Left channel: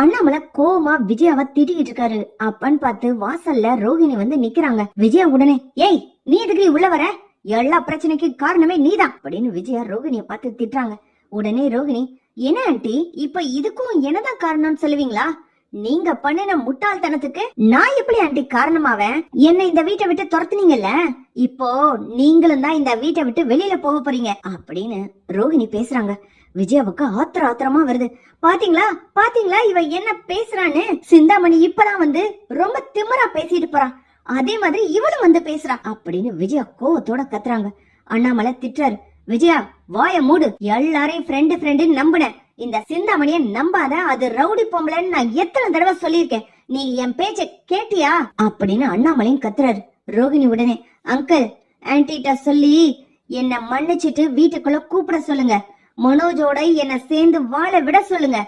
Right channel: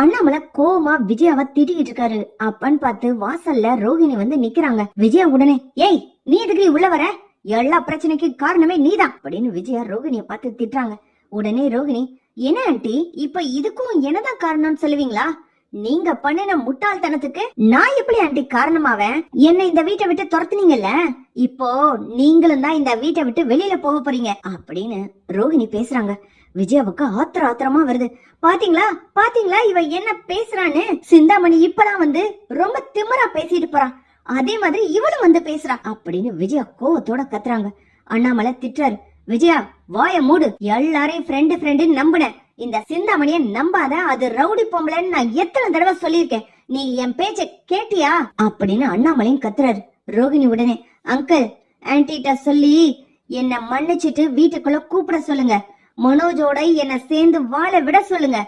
அண்ணாமலை கோவமா விஜயாவை திட்டிக்கிட்டு இருக்காரு. அப்பன்னு பார்த்து வாசல்ல ரோஹிணி வந்து நிக்கிறாங்க. விஜயா உடனே, ஏய் நீ எதுக்கு உள்ள வர, எல்லா பிரச்சனைக்கு காரணமே நீதான் அப்படின்னு விஜயா ரோஹிணிய பார்த்து திட்டுறாங்க. உடனே ரோஹிணி, என்ன ஆண்டி இப்ப இதுக்கும் என்னதான் காரணம்னு சொல்லுவீங்களா? நீங்க பண்ணின முட்டாள்தனத்துக்கு நான் எப்படி ஆண்டி காரணமாவேன்? என்ன இந்த வீட்டை விட்டு துரத்துனீங்கல்ல, இப்போ நீங்களும் தான் இந்த வீட்டை விட்டு வெளியில போக போறீங்க அப்படின்னு ரோஹிணி பேசுறாங்க. விஜயாவுக்கு ஆத்திரமா வருது. பாத்தீங்களா பாத்தீங்களா இவ என்ன பேசுறான்னு. சிந்தாமணி இப்பதான் வந்து ரொம்ப திமிரா பேசிட்டு போறான், அதே மாதிரி இவளும் வந்து பேசுறா அப்படின்னு விஜயா கோவத்தோட கத்துறாங்க. அண்ணாமலை திட்டுறாரு, விஜயா வாய மூடு, எல்லாரையும் ஃப்ரெண்டு நம்புன, இந்த சிந்தாமணிய நம்பாத, அது ரவுடி பொம்பளைன்னு நான் எத்தனை தடவை சொல்லியிருக்கேன், நீ என் பேச்ச கேட்டியா அப்படின்னு அண்ணாமலையும் கத்துறாரு. ரோகிணி உடனே, அங்கிள் ஆன்டிட்ட சொல்லி என்ன மன்னிச்சிட்டு வீட்டுக்குள்ள கூப்பிட சொல்லுங்க, மனோஜோட என்ன சேர்ந்து வாழ விட சொல்லுங்க,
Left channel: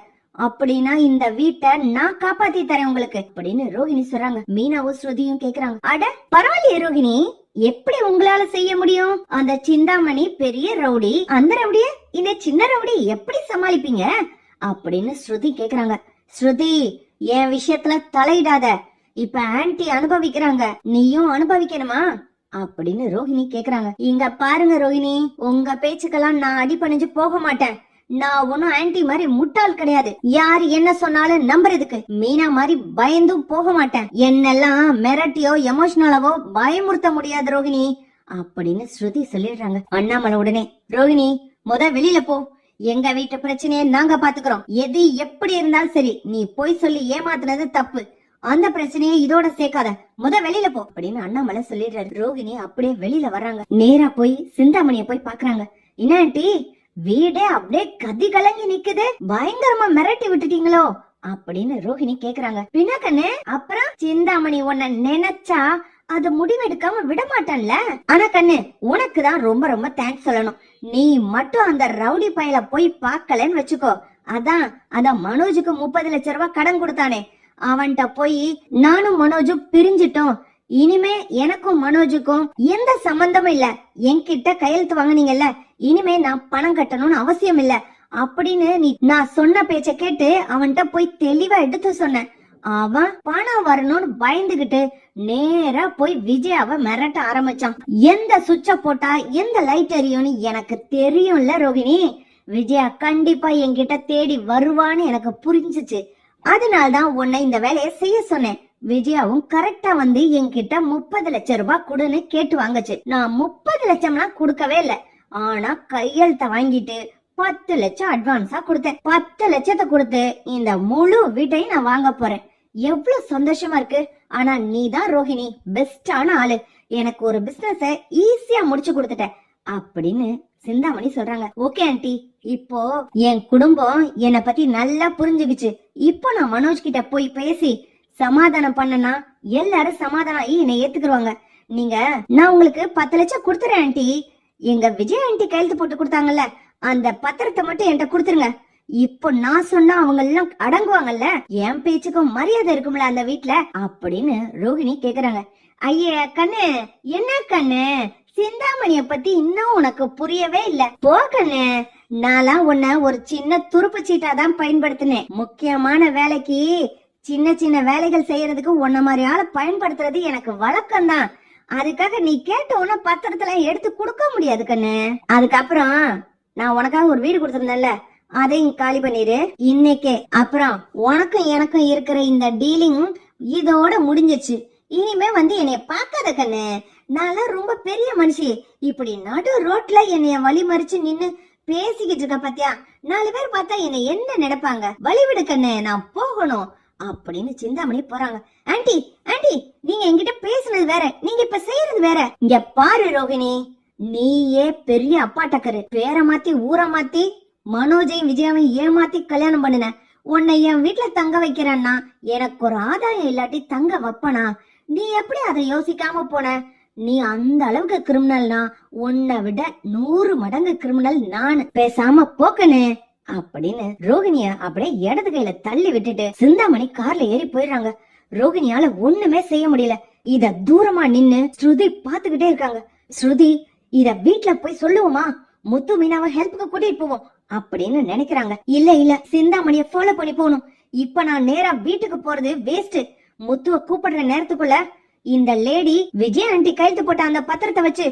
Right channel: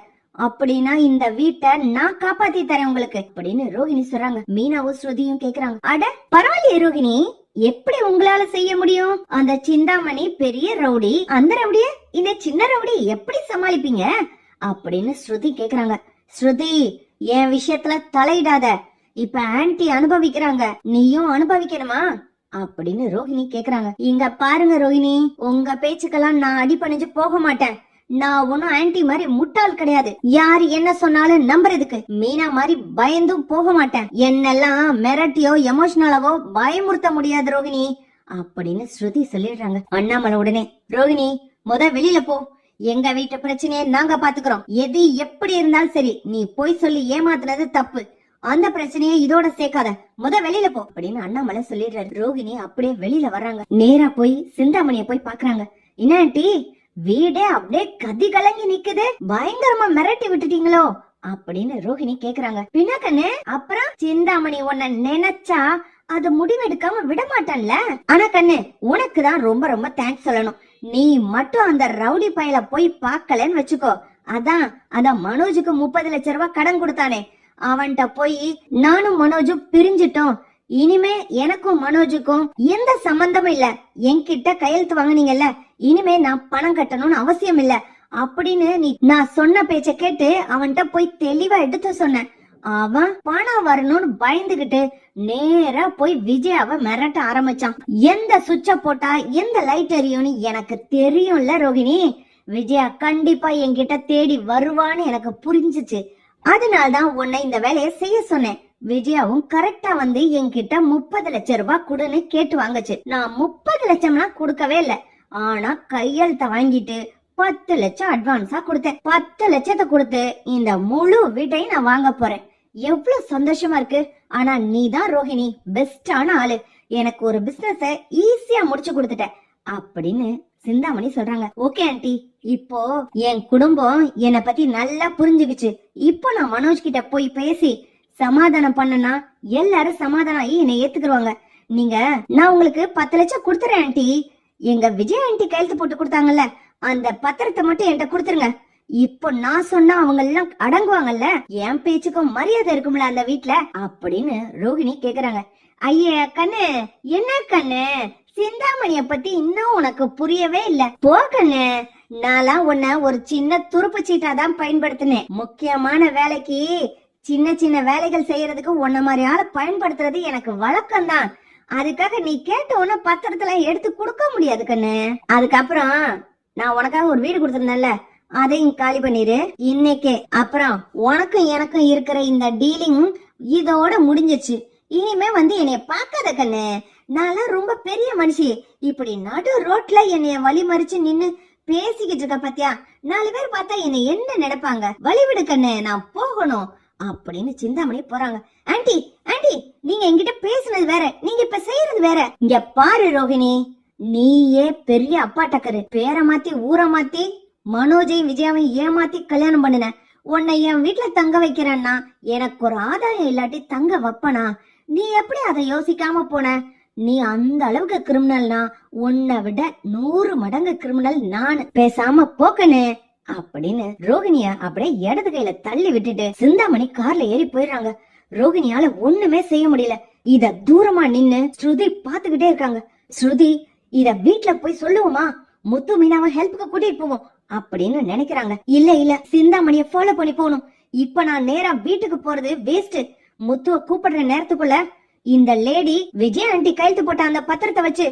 அப்படின்னா இந்த வீட்டை நான் காப்பாத்தி தரேன் உங்களுக்கு அப்படின்னு ரோஹிணி சொல்றாங்க. மீனாவும் ஸ்ருதியும் கேக்குறாங்க, அட பரவாயில்லையே ரோஹிணி, எப்படி உங்களால செய்ய முடியும்? அந்த சிந்தாமணி பெரிய ரவுடி, அந்த ரவுடிய இந்த சின்ன ரவுடி எப்படி சமாளிப்பீங்க அப்படின்னு ஸ்ருதி கேக்குறாங்க. ஸ்ருதி என் விஷயத்துல தலையிடாத, இப்ப ஆன்டி அனுபவிக்கிறாங்க, நீயும் அனுபவிக்கணுமா அப்படின்னு ரோஹிணி கேக்குறாங்க. இங்க பாருங்க ரோஹிணி, உங்க பேச்சுக்கெல்லாம் நான் அடிபணிஞ்சு போக மாட்டேன். நான் ஒன்னும் ஆன்டி மாதிரி முட்டாள் கிடையாது, யாரு என்ன சொன்னாலும் நம்புறதுக்கு. மீனா மாதிரி பயந்தும் போக மாட்டேன், என்னெல்லாம் மிரட்டியோ எமோஷனலாவோ பயமுறுத்த முடியாது ரோஹிணி அப்படின்னு ஸ்ருதி சொல்லிடுறாங்க. அண்ணாமலை உடனே, ரோஹிணி வெளியில போ, எங்க வீட்டு பிரச்சனையை நாங்க பாத்துக்கிறோம், எது எப்படி இருந்தாலும் சரி, நீ போய் சொல்லி ஏமாத்துனது தப்பு, அந்த பிரச்சனையை இதோட சேர்க்காத, வெளியில போ அப்படின்னு அண்ணாமலை சொல்லிடுறாரு. ரோஹிணி அப்படியே வெளியில வர்றாங்க. நேரா போய் சிந்தாமணிய போய் பாக்குறாங்க. என்ன ஆண்டி வீடே அப்படியே கதி கலங்கி நிக்குது, பயங்கரமா மிரட்டி விட்டுட்டீங்களோ அப்படின்னு ரோஹிணி கேக்குறாங்க. பின்ன கண்ணு, அப்புறம் சிந்தாமணி உன்னை நினைச்சா அது முடிவெடுக்காம விட மாட்டான்ல. ஆனா கண்ணு, உனக்குதான் ரொம்ப ரொம்ப தேங்க்ஸ் சொல்லணும், நீ மட்டும் அந்த ரவுடி பையல போய் பாக்கலன்னு வச்சுக்கோ, அதான் மனோஜுக்கு 30 லட்சம் ரூபாய் கடன் கொடுத்தானே, அவன்கிட்ட போய் நானும் மனோஜும் பிரிஞ்சிட்டோம், இனிமே எனக்கும் மனோஜுக்கும் எந்த சம்பந்தமும் இல்ல, என்கிட்ட கையெழுத்து வாங்கினீங்கல்ல, இனிமே நான் பணம் கட்டணும்னு அவசியம் இல்ல அப்படின்னு நீ நான் சொன்ன பேச்ச கேட்டு அவன்கிட்ட போய் தெளிவா எடுத்து சொன்ன. அவன் பணம் வரணும்னு பயந்துகிட்டு நேரா போய் விஜயாவை மிரட்ட ஆரம்பிச்சான். எந்த சுவிட்ச போட்டா எந்த லைட் எரியும்னு எனக்கு தெரியும்ல ரோஹிணி, விஜயா கண்டிப்பா என்கிட்ட தேடி வருவான்னு எனக்கு புரிஞ்சிச்சு, அதனால்தான் உன்னை இந்த வேலையை செய்ய சொன்னேன். விஜயாவும் கரெக்டா வந்து என்கிட்ட 30 லட்சம் ரூபாய் கொடுன்னு கேட்டு வாங்கச்சு. நான் 30 லட்சம்னா கொடுக்கவே இல்ல, ஆனா கையெழுத்த வாங்கிட்டு 10 லட்சம் அட்வான்ஸா கொடுத்தேன். 10 லட்சத்தை கொடுத்து இந்த முழு வீட்டையும் நான் வாங்க போறேன். எவ்வளவு சந்தோஷமா இருக்கு. ஆனா நீதான் ரோஹிணி பெஸ்டான ஆளு, எனக்கு ஒரு பிசினஸ ஈஸியா முடிச்சு கொடுத்துட்ட அப்படின்னு சிந்தாமணி சொல்றாங்க. ஓகே ஆண்டி, இப்போ என் குடும்பம் என்னை பத்தி நல்லா புரிஞ்சுக்கிச்சு, இப்போ நான் மனோஜ் கிட்ட போய் பேசி சமாதானம் பண்ணனா எல்லாரும் சமாதானம் ஆகி என்னை ஏத்துக்குருவாங்க. நீங்க நான் உங்களுக்கு 10 லட்சம் கொடுத்துறேன் ஆண்டி, எங்க விஜய் ஆண்டி கையெழுத்து போட்டு கொடுத்தாங்கல்ல, அந்த பத்திரத்தை மட்டும் என்கிட்ட கொடுத்துருங்க. இப்போ நான் சொன்னா அவங்க எல்லாம் அடங்குவாங்கல்ல, என் பேச்சுக்கும் மரியாதை இருக்கும்ல அந்த வீட்டுல அப்படின்னு ரோஹிணி கேக்குறாங்க. ஐய கண்ணு, என்ன கண்ணு, சிந்தாமணிய பத்தி இன்னும் உனக்கு புரியவே இல்ல போ கண்ணு, நான்லாம் உன்ன ஒரு சின்ன துருப்பு சீட்டா தான் பயன்படுத்தினேன், முக்கியமான வேலைக்கு சின்ன சின்ன வேலைகள் செய்யறதுக்கு உன்ன மாதிரி ஆளை பயன்படுத்துறது எனக்கு வழக்கம் தான், அதுக்காக நீ கேட்ட உடனே பத்திரத்துல எடுத்து கொடுக்க முடியாது கண்ணு. அதுக்கப்புறம் நான் உனக்காக ஒரு வீடு கொடுத்திருந்தேன்ல, அதையும் காலி பண்ணிரு இன்னைக்கே. அப்புறம் உனக்கும் எனக்கும் இருக்கிற இந்த டீலிங் இதோட முடிஞ்சிச்சு, இனிமே வந்து என்னைய பாக்காத கண்ணு, நான் ரொம்ப பெரிய மனுஷி, இப்படி நடு ரோட்ல என்னைய வழி மறிச்சு நின்னு பேசிக்கிட்டு இருக்க பாத்தியா, 4 பேர் பார்த்தா என்னை என்ன நினைப்பாங்க, வழிவிடு கண்ணு, நான் போகணும் அப்படின்னு சிந்தாமணி போறாங்க. ஆண்டி ஆண்டி, நீங்க என்கிட்ட பேசுனது வேற, நீங்க இப்ப செய்யறது வேற. இங்க பாரு ரோஹிணி, நீயே பெரிய அப்பா டக்கரு, பேரை மாத்தி ஊரை மாத்தி மனோஜையும் விஜயாவையும் ஏமாத்தி கல்யாணம் பண்ணுன, உன்னை என் வீட்டுல தங்க வைக்கிறேன்னா எனக்கு ஒரு ஆதாயம் இல்லாட்டி தங்க வைப்பனா, நீ எப்படி அதை யோசிக்காம போன? நீ அந்த அளவுக்கு கிரிமினல்னா உன்னை விட 100 மடங்கு கிரிமினல் நானு, பேசாம போக்கனு அப்படின்னு ரோஹிணிய அப்படியே இடது கையில தள்ளி விட்டுட்டு சிந்தாமணி கார்ல ஏறி போயிடுறாங்க. ரோஹிணியால ஒண்ணுமே செய்ய முடியல. இத தூரமா நின்னு ஸ்ருதி பாத்துக்கிட்டே இருக்காங்க. ஸ்ருதி இத வீட்டுல போய் சொல்லுவோமா, முத்து மீனாவை ஹெல்ப்புக்கு கூட்டிட்டு போவோம் அப்படின்னு நினைக்கிறாங்க. இல்ல சிந்தாமணிய ஃபாலோ பண்ணி போகணும், இப்ப நான் நேரா வீட்டுக்கு போறது வேஸ்ட். முத்துவ கூப்பிடுற நேரத்துக்குள்ள இந்த லேடி விஜய் ஆண்டி கையெழுத்து போட்ட அந்த பத்திரத்தை வச்சு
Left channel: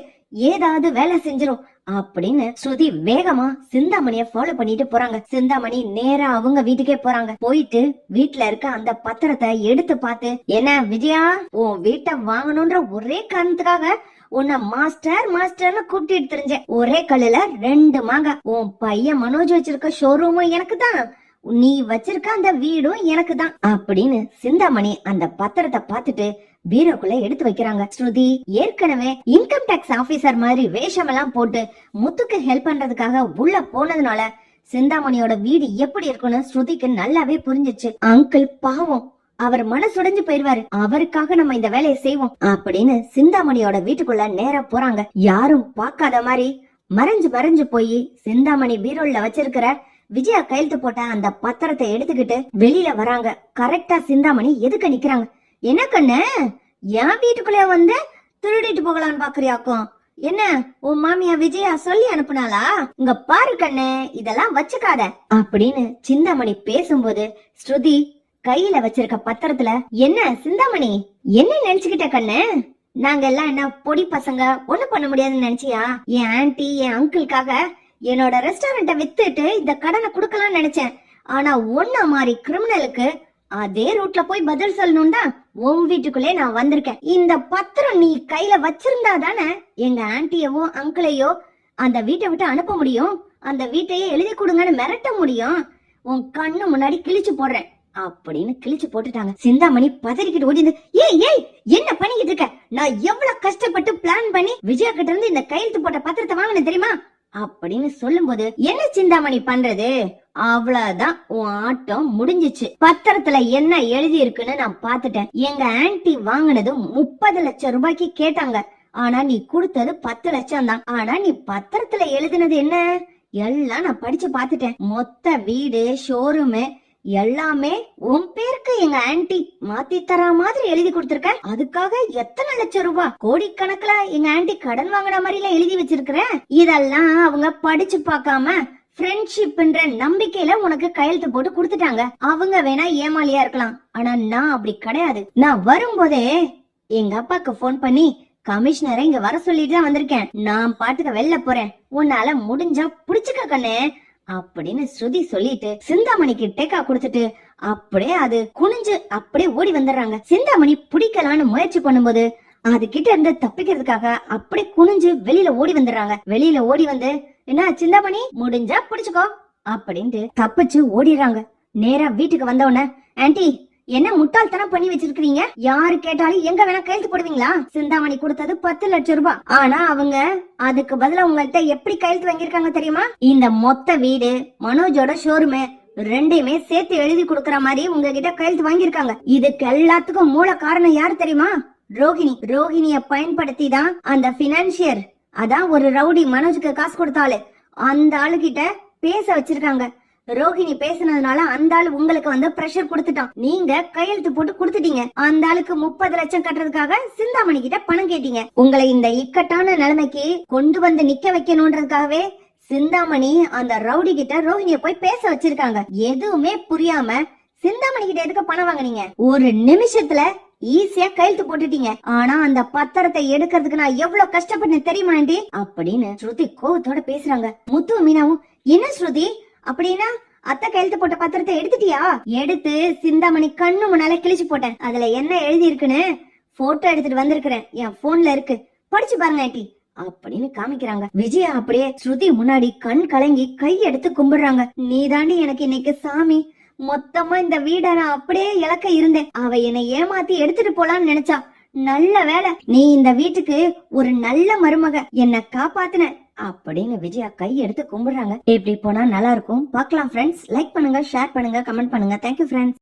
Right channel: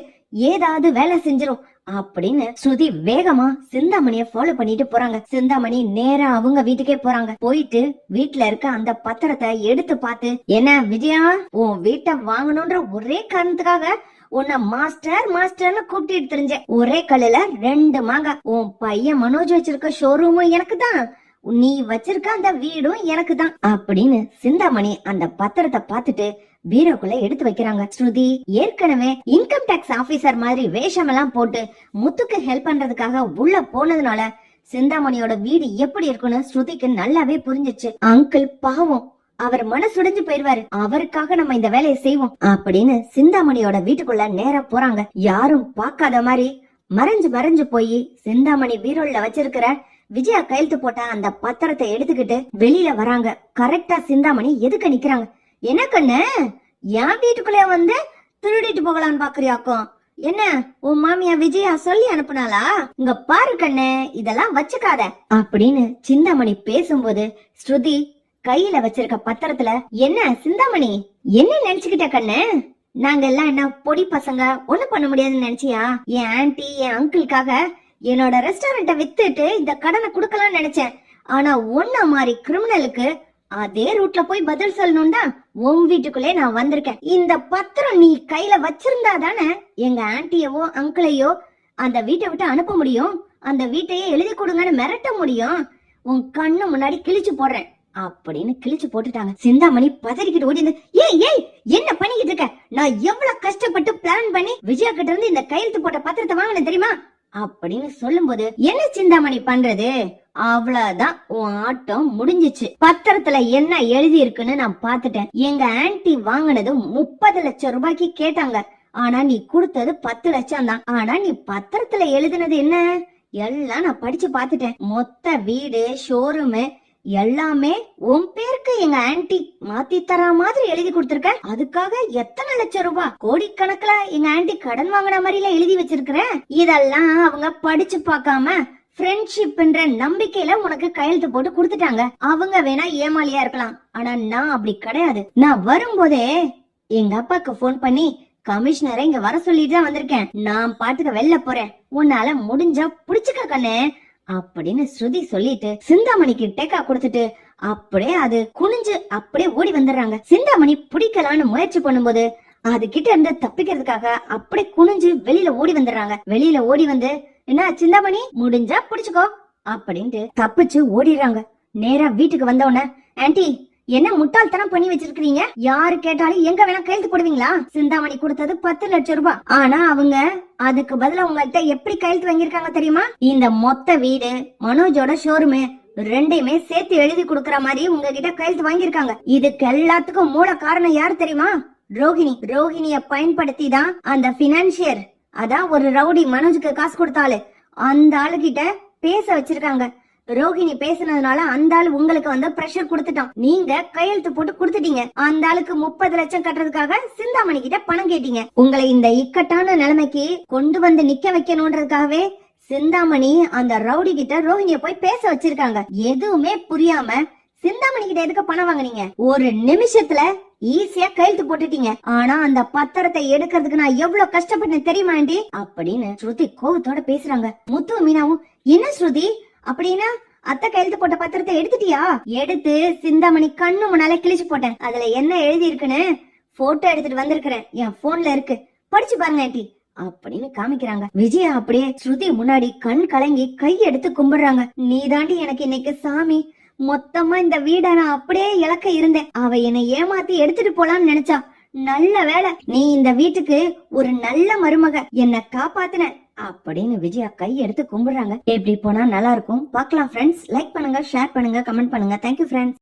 ஏதாவது வேலை செஞ்சிரும் அப்படின்னு ஸ்ருதி வேகமா சிந்தாமணிய ஃபாலோ பண்ணிட்டு போறாங்க. சிந்தாமணி நேரா அவங்க வீட்டுக்கே போறாங்க. போயிட்டு வீட்டுல இருக்க அந்த பத்திரத்தை எடுத்து பார்த்து, என்ன விஜயா, உன் வீட்டை வாங்கணும்ன்ற ஒரே காரணத்துக்காக உன்னை மாஸ்டர் மாஸ்டர்னு கூப்பிட்டு தெரிஞ்சேன். ஒரே கல்லுல 2 மாங்காய். உன் பையன் மனோஜ் வச்சிருக்க ஷோரூமும் எனக்கு தான், நீ வச்சிருக்க அந்த வீடும் எனக்கு தான் அப்படின்னு சிந்தாமணி அந்த பத்திரத்தை பார்த்துட்டு பீரோக்குள்ள எடுத்து வைக்கிறாங்க. ஸ்ருதி ஏற்கனவே இன்கம் டாக்ஸ் ஆபீசர் மாதிரி வேஷம் எல்லாம் போட்டு முத்துக்கு ஹெல்ப் பண்றதுக்காக உள்ள போனதுனால சிந்தாமணியோட வீடு எப்படி இருக்குன்னு ஸ்ருதிக்கு நல்லாவே புரிஞ்சிச்சு. அங்கிள் பாவம், அவர் மனசுடைஞ்சு போயிருவாரு, அவருக்காக நம்ம இந்த வேலையை செய்வோம் அப்படின்னு சிந்தாமணியோட வீட்டுக்குள்ள நேரா போறாங்க. யாரும் பாக்காத மாதிரி மறைஞ்சு போய் சிந்தாமணி பீரோல வச்சிருக்கிற விஜயா கையெழுத்து போட்ட அந்த பத்திரத்தை எடுத்துக்கிட்டு வெளியில வராங்க. கரெக்டா சிந்தாமணி எதுக்கு நிக்கிறாங்க. என்ன கண்ணு, என் வீட்டுக்குள்ளே வந்து திருடிட்டு போகலான்னு பாக்குறியாக்கும்? என்ன உன் மாமியா விஜயா சொல்லி அனுப்புனாளா? இங்க பாரு கண்ணு, இதெல்லாம் வச்சுக்காத அப்படின்னு சிந்தாமணி பேசும்போது ஸ்ருதி கையில வச்சிருக்க பத்திரத்துல, என்ன சிந்தாமணி என்ன நினைச்சுக்கிட்ட கண்ணு? நாங்க எல்லாம் என்ன பொடி பசங்க, ஒண்ணு பண்ண முடியாதுன்னு நினைச்சியா? என் ஆன்டி என் அங்கிளுக்காக என்னோட ரெஸ்டாரண்ட வித்துட்டு இந்த கடனை குடுக்கலாம்னு நினைச்சேன். ஆனா ஒன்ன மாதிரி கிரிமினலுக்கு அதே ரூட்ல போய் பதில் சொல்லணும்டா உன் வீட்டுக்குள்ளே நான் வந்திருக்கேன். இந்த பத்திரம் நீ கையில வச்சிருந்தா தானே எங்க ஆன்டியவோ அங்கிளையோ அந்த வீட்டை விட்டு அனுப்ப முடியும், அந்த வீட்டையே எழுதி கொடுங்கன்னு மிரட்ட முடியும். உன் கண்ணு முன்னாடி கிழிச்சு போடுறேன் அப்படின்னு கிழிச்சு போட்டுட்டாங்க. சிந்தாமணி பதறிக்கிட்டு ஓடி, ஏய் என்ன பண்ணிக்கிட்டு இருக்க? நான் எவ்வளவு கஷ்டப்பட்டு பிளான் பண்ணி விஜயா கிட்ட இருந்து இந்த கையெழுத்து போட்ட பத்திரத்தை வாங்கினேன் தெரியுமா அப்படின்னு சொல்லும் போது, என்ன சிந்தாமணி பண்றது, அவ்வளவுதான் உன் ஆட்டம் முடிஞ்சிச்சு. பத்திரத்துல என்ன எழுதி இருக்குன்னு நான் பாத்துட்டேன். எங்க ஆன்டி வாங்கினது 30 லட்சம் ரூபாய்க்கு கேட்டாங்க, ஆனா நீ கொடுத்தது 10 லட்சம் தான். ஆனா நீ பத்திரத்துல எழுதினது என்ன எல்லாம் நான் படிச்சு பாத்துட்டேன். மொத்த வீடு ஷோரூமு எல்லாமே உன் பேருக்கு எங்க ஆன்டி மாத்தி தரா மாதிரி எழுதி கொடுத்திருக்க. அதுக்காக எத்தனை லட்சம் ரூபாய், கோடிக்கணக்குல எங்க ஆன்டி கடன் வாங்கின மாதிரி எல்லாம் எழுதி வச்சிருக்கிற. இதெல்லாம் அவங்க படிச்சு பார்க்காம ஃப்ரெண்ட்ஷிப்ன்ற நம்பிக்கையில உனக்கு கையெழுத்து போட்டு கொடுத்துட்டாங்க. அவங்க வேணா ஏமாலியா இருக்கலாம், ஆனா நான் அப்படி கிடையாது. நான் வரும்போதே எங்க அப்பாக்கு போன் பண்ணி கமிஷனரை இங்க வர சொல்லிட்டு தான் வந்திருக்கேன். நான் பாட்டுக்க வெளில போறேன், உன்னால முடிஞ்சா புடிச்சுக்க கண்ணு அப்படின்னு ஸ்ருதி சொல்லிட்டு சிந்தாமணிக்கு டேக்கா கொடுத்துட்டு அப்படியே அது குனிஞ்சு அப்படியே ஓடி வந்துடுறாங்க. சிந்தாமணி பிடிக்கலான்னு முயற்சி பண்ணும்போது அது கிட்ட இருந்து தப்பிக்கிறதுக்காக அப்படியே குனிஞ்சு வெளியில ஓடி வந்துடுறாங்க. வெளியில ஓடி வந்து, என்ன சிந்தாமணி முடிஞ்சா புடிச்சுக்கோ அப்படின்ட்டு தப்பிச்சு ஓடிடுறாங்க. நேரா வீட்டுக்கு வந்தவன, ஆன்டி என்ன முட்டாள்தனம் பண்ணி வச்சிருக்கீங்க? யாரு கேட்டாலும் எங்க வேணா கையெழுத்து போடுவீங்களா? சிந்தாமணி கொடுத்தது 10 லட்சம் ரூபாய், ஆனா அவங்க அதுக்கு பதிலா உங்கள்கிட்ட எப்படி கையெழுத்து வாங்கியிருக்காங்க தெரியுமா? இந்த மொத்த வீடு மனோஜோட ஷோரூமு ரெண்டையுமே சேர்த்து எழுதி கொடுக்கற மாதிரி உங்ககிட்ட கையெழுத்து வாங்கியிருக்காங்க. இதுக்கு எல்லாத்துக்கும் மூல காரணம் யாரு தெரியுமா? ரோஹிணி. ரோஹிணிய பயன்படுத்தி தான் அந்த பினான்சியர், அதான் ஒரு ரவுடி மனோஜுக்கு காசு கொடுத்தாலு, அந்த ஆளு கிட்ட பேச வச்சிருக்காங்க. ரோஹிணி பேசினதுனால அந்த ஆளு உங்களுக்கு வந்து பிரஷர் கொடுத்துட்டான். நீங்க கையெழுத்து போட்டு கொடுத்துட்டீங்க. அந்த ஆளுக்கு 30 லட்சம் கட்டுறதுக்காக சிந்தாமணி கிட்ட பணம் கேட்டீங்க. உங்களை இந்த இக்கட்டான நிலைமைக்கு கொண்டு வந்து நிக்க வைக்கணும்ன்றதுக்காகவே சிந்தாமணி அந்த ரவுடி கிட்ட ரோஹிணிய போய் பேச வச்சிருக்காங்க. எதுவுமே புரியாம சிந்தாமணி கிட்ட எதுக்கு பணம் வாங்குனீங்க? ஒரு நிமிஷத்துல ஈஸியா கையெழுத்து போட்டுட்டீங்க. ஆனா அந்த பத்திரத்தை எடுக்கிறதுக்கு நான் எவ்வளவு கஷ்டப்பட்டேன் தெரியுமா ஆண்டி அப்படின்னு ஸ்ருதி கோவத்தோட பேசுறாங்க. முத்து மீனாவும், என்ன ஸ்ருதி அப்படின்னா அத்தை கையெழுத்து போட்ட பத்திரத்தை எடுத்துட்டியா? எடுத்து சிந்தாமணி கண்ணு முன்னால கிழிச்சு போட்டேன். அதுல என்ன எழுதி இருக்குன்னு போட்டோ எடுத்துட்டு வந்திருக்கிறேன், என் போன்ல இருக்கு, படிச்சு பாருங்க ஆண்டி அப்படின்னு காமிக்கிறாங்க. விஜயா அப்படியே ஸ்ருதி முன்னாடி கண் கலங்கி கை எடுத்து கும்பிடுறாங்க. நீ தாண்டி எனக்கு இன்னைக்கு சாமி, மொத்தமா இந்த வீட நான் அப்படியே இழக்க இருந்தேன். அவ என்னை ஏமாத்தி எடுத்துட்டு போலான்னு நினைச்சா. நல்ல வேலை, நீ இந்த வீட்டுக்கு ஒரு நல்ல மருமக, என்ன காப்பாத்துன அப்படின்னு விஜயா கை எடுத்து கும்பிடுறாங்க. எப்படி போனா நல்லா இருக்கும் பார்க்கலாம் ஃப்ரெண்ட்ஸ். லைக் பண்ணுங்க, ஷேர் பண்ணுங்க, கமெண்ட் பண்ணுங்க. Thank you friends.